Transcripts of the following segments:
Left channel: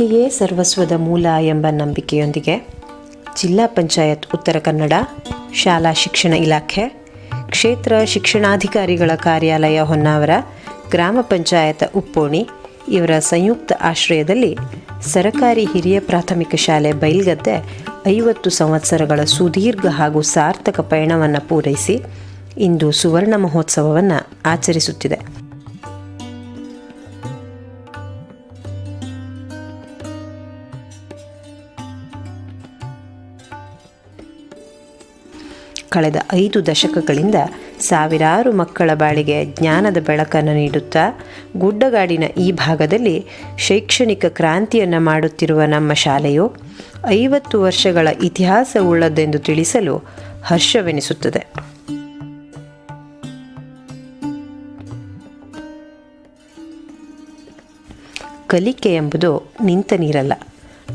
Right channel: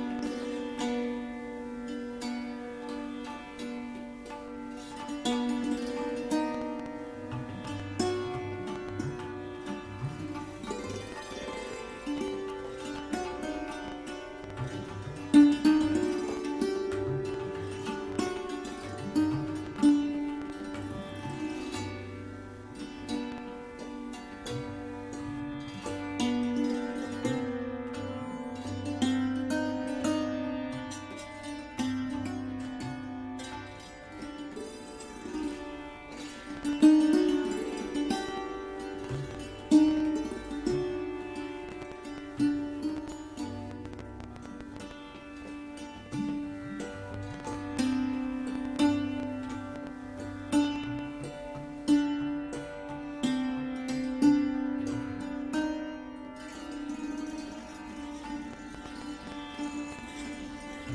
ವಿದ್ಯೆಯೇ ಸರ್ವಸ್ವದ ಮೂಲ ಎಂಬ ನಂಬಿಕೆಯೊಂದಿಗೆ ಜಿಲ್ಲಾ ಪಂಚಾಯತ್ ಉತ್ತರ ಕನ್ನಡ, ಶಾಲಾ ಶಿಕ್ಷಣ ಇಲಾಖೆ, ಕ್ಷೇತ್ರ ಶಿಕ್ಷಣಾಧಿಕಾರಿಗಳ ಕಾರ್ಯಾಲಯ ಹೊನ್ನಾವರ, ಗ್ರಾಮ ಪಂಚಾಯತ್ ಉಪ್ಪೋಣಿ ಇವರ ಸಂಯುಕ್ತ ಆಶ್ರಯದಲ್ಲಿ ಸರಕಾರಿ ಹಿರಿಯ ಪ್ರಾಥಮಿಕ ಶಾಲೆ ಬೈಲ್ಗದ್ದೆ 50 ಸಂವತ್ಸರಗಳ ಸುದೀರ್ಘ ಹಾಗೂ ಸಾರ್ಥಕ ಪಯಣವನ್ನು ಪೂರೈಸಿ ಇಂದು ಸುವರ್ಣ ಮಹೋತ್ಸವವನ್ನು ಆಚರಿಸುತ್ತಿದೆ. ಕಳೆದ 5 ದಶಕಗಳಿಂದ ಸಾವಿರಾರು ಮಕ್ಕಳ ಬಾಳಿಗೆ ಜ್ಞಾನದ ಬೆಳಕನ್ನು ನೀಡುತ್ತಾ ಗುಡ್ಡಗಾಡಿನ ಈ ಭಾಗದಲ್ಲಿ ಶೈಕ್ಷಣಿಕ ಕ್ರಾಂತಿಯನ್ನು ಮಾಡುತ್ತಿರುವ ನಮ್ಮ ಶಾಲೆಯು 50 ವರ್ಷಗಳ ಇತಿಹಾಸವುಳ್ಳದೆಂದು ತಿಳಿಸಲು ಹರ್ಷವೆನಿಸುತ್ತದೆ. ಕಲಿಕೆ ಎಂಬುದು ನಿಂತ ನೀರಲ್ಲ,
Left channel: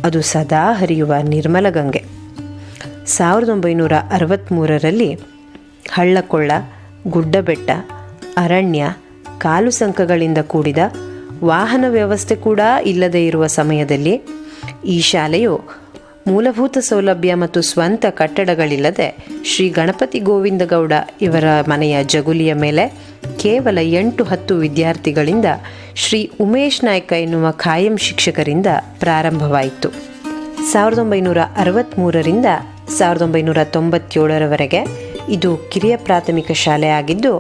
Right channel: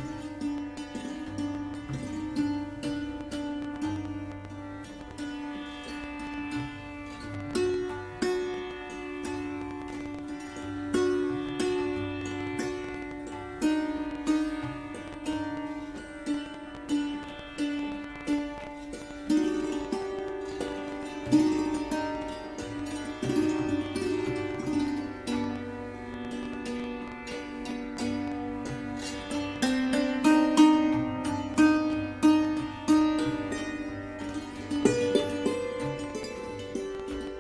ಅದು ಸದಾ ಹರಿಯುವ ನಿರ್ಮಲ ಗಂಗೆ. 1963ರಲ್ಲಿ ಹಳ್ಳಕೊಳ್ಳ, ಗುಡ್ಡಬೆಟ್ಟ, ಅರಣ್ಯ, ಕಾಲು ಸಂಕಗಳಿಂದ ಕೂಡಿದ ವಾಹನ ವ್ಯವಸ್ಥೆ ಕೂಡ ಇಲ್ಲದೇ ಇರುವ ಸಮಯದಲ್ಲಿ ಈ ಶಾಲೆಯು ಮೂಲಭೂತ ಸೌಲಭ್ಯ ಮತ್ತು ಸ್ವಂತ ಕಟ್ಟಡಗಳಿಲ್ಲದೆ ಶ್ರೀ ಗಣಪತಿ ಗೋವಿಂದಗೌಡ ಇವರ ಮನೆಯ ಜಗುಲಿಯ ಮೇಲೆ ಕೇವಲ 8-10 ವಿದ್ಯಾರ್ಥಿಗಳಿಂದ ಶ್ರೀ ಉಮೇಶ್ ನಾಯ್ಕ ಎನ್ನುವ ಖಾಯಂ ಶಿಕ್ಷಕರಿಂದ ಪ್ರಾರಂಭವಾಯಿತು. 1963ರಿಂದ 1997ರವರೆಗೆ ಇದು ಕಿರಿಯ ಪ್ರಾಥಮಿಕ ಶಾಲೆ ಆಗಿದ್ದು,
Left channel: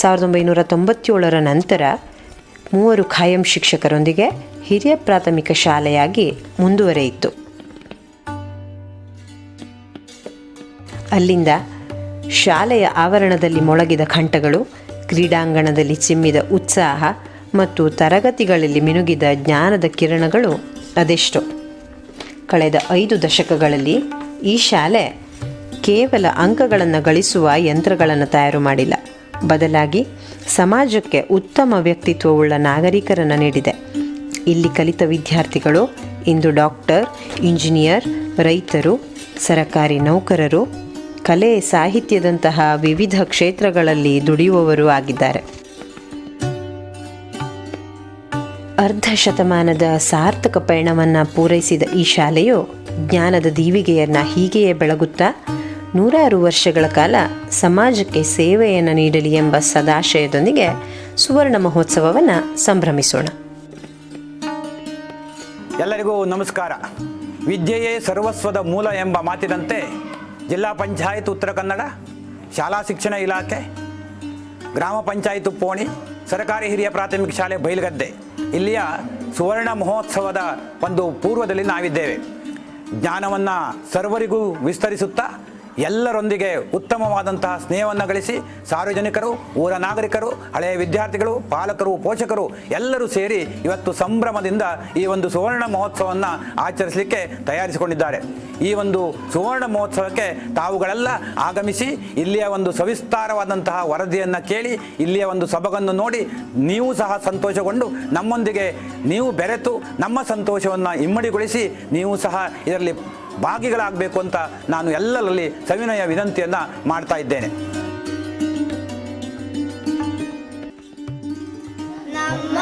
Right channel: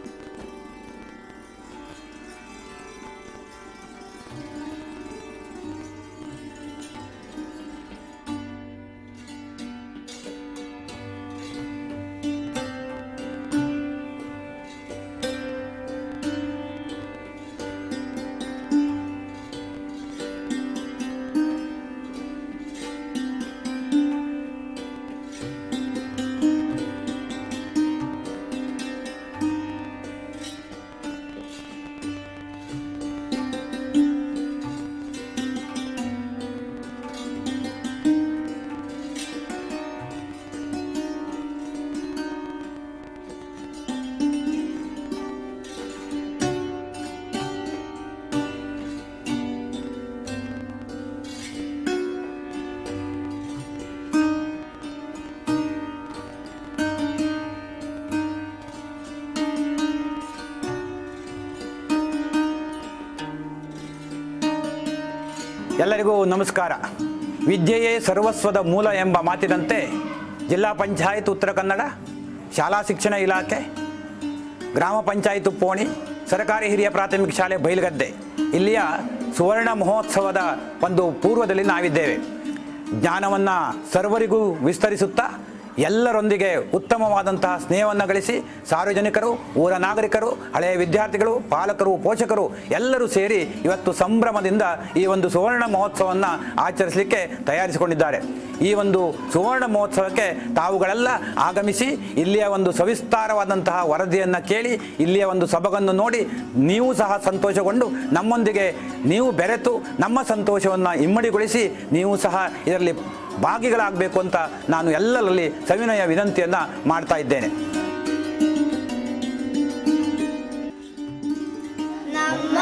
1997ರ ನಂತರ 3 ಖಾಯಂ ಶಿಕ್ಷಕರೊಂದಿಗೆ ಹಿರಿಯ ಪ್ರಾಥಮಿಕ ಶಾಲೆಯಾಗಿ ಮುಂದುವರೆಯಿತು. ಅಲ್ಲಿಂದ ಶಾಲೆಯ ಆವರಣದಲ್ಲಿ ಮೊಳಗಿದ ಕಂಠಗಳು, ಕ್ರೀಡಾಂಗಣದಲ್ಲಿ ಚಿಮ್ಮಿದ ಉತ್ಸಾಹ ಮತ್ತು ತರಗತಿಗಳಲ್ಲಿ ಮಿನುಗಿದ ಜ್ಞಾನದ ಕಿರಣಗಳು ಅದೆಷ್ಟೋ. ಕಳೆದ 5 ದಶಕಗಳಲ್ಲಿ ಈ ಶಾಲೆ ಕೇವಲ ಅಂಕಗಳನ್ನು ಗಳಿಸುವ ಯಂತ್ರಗಳನ್ನು ತಯಾರು ಮಾಡಿಲ್ಲ, ಬದಲಾಗಿ ಸಮಾಜಕ್ಕೆ ಉತ್ತಮ ವ್ಯಕ್ತಿತ್ವವುಳ್ಳ ನಾಗರಿಕರನ್ನು ನೀಡಿದೆ. ಇಲ್ಲಿ ಕಲಿತ ವಿದ್ಯಾರ್ಥಿಗಳು ಇಂದು ಡಾಕ್ಟರ್, ಇಂಜಿನಿಯರ್, ರೈತರು, ಸರಕಾರಿ ನೌಕರರು, ಕಲೆ, ಸಾಹಿತ್ಯದಂತಹ ವಿವಿಧ ಕ್ಷೇತ್ರಗಳಲ್ಲಿ ದುಡಿಯುವವರು ಆಗಿದ್ದಾರೆ. ಅರ್ಧ ಶತಮಾನದ ಸಾರ್ಥಕ ಪಯಣವನ್ನು ಪೂರೈಸಿದ ಈ ಶಾಲೆಯು ಜ್ಞಾನದ ದೀವಿಗೆಯನ್ನು ಹೀಗೆಯೇ ಬೆಳಗುತ್ತಾ 100 ವರ್ಷಗಳ ಕಾಲ ಸಮಾಜಕ್ಕೆ ಸೇವೆಯನ್ನು ನೀಡಲಿ ಎಂಬ ಸದಾಶಯದೊಂದಿಗೆ ಸುವರ್ಣ ಮಹೋತ್ಸವವನ್ನು ಸಂಭ್ರಮಿಸೋಣ. ಎಲ್ಲರಿಗೂ ನಮಸ್ಕಾರ. ವಿದ್ಯೆಯೇ ಸರ್ವಸ್ವದ ಮೂಲ ಎಂಬ ಮಾತಿನಂತೆ ಜಿಲ್ಲಾ ಪಂಚಾಯತ್ ಉತ್ತರ ಕನ್ನಡ, ಶಾಲಾ ಶಿಕ್ಷಣ ಇಲಾಖೆ, ಗ್ರಾಮ ಪಂಚಾಯತ್ ಉಪ್ಪೋಣಿ, ಸರ್ಕಾರಿ ಹಿರಿಯ ಪ್ರಾಥಮಿಕ ಶಾಲೆ ಬೈಲ್ಗದ್ದೆ ಇಲ್ಲಿಯ ಸುವರ್ಣ ಮಹೋತ್ಸವದ ಒಂದು ಪೂರ್ವದಲ್ಲಿ ನಾವಿದ್ದೇವೆ. ಜ್ಞಾನವನ್ನು ಸರ್ವರಿಗೂ ವಿಸ್ತರಿಸುತ್ತಾ ಎಲ್ಲರೊಂದಿಗೆ ಉತ್ತಮವಾದಂತಹ ಸ್ನೇಹವನ್ನು ಗಳಿಸಿ ಸಾರ್ವಜನಿಕರು, ಊರ ನಾಗರಿಕರು, ಹಳೆಯ ವಿದ್ಯಾರ್ಥಿಗಳು, ಪಾಲಕರು, ಪೋಷಕರು ಎಲ್ಲರೂ ಸೇರಿ ಇವತ್ತು ಸಂಭ್ರಮದಿಂದ ಈ ಒಂದು ಸುವರ್ಣ ಮಹೋತ್ಸವವನ್ನು ಆಚರಿಸಲಿಕ್ಕೆ ತಯಾರಿಸಿಕೊಂಡಿದ್ದಾರೆ. ಈ ಒಂದು ಸುವರ್ಣ ಮಹೋತ್ಸವಕ್ಕೆ ತಾವುಗಳೆಲ್ಲ ಆಗಮಿಸಿ ಇಲ್ಲಿಯ ಒಂದು ಸವಿಸ್ತಾರವಾದಂತಹ ವರದಿಯನ್ನು ಕೇಳಿ ಇಲ್ಲಿಯ ಒಂದು ಸೊಬಗನ್ನು ನೋಡಿ ನೀವು ಸಹ ಸಂತೋಷಗೊಂಡು ನಮ್ಮೊಂದಿಗೆ ನೀವು ಬೆರೆತು ನಮ್ಮ ಸಂತೋಷವನ್ನು ಇಮ್ಮಡಿಗೊಳಿಸಿ ನೀವು ಸಹ ಇದರಲ್ಲಿ ಭಾಗಿಗಳಾಗಬೇಕು ಅಂತ ನಾನು ಎಲ್ಲರಲ್ಲಿ ಸವಿನಯ ವಿನಂತಿಯನ್ನು ಮಾಡ್ತಾ ಇದ್ದೇನೆ. ನಮ್ಮ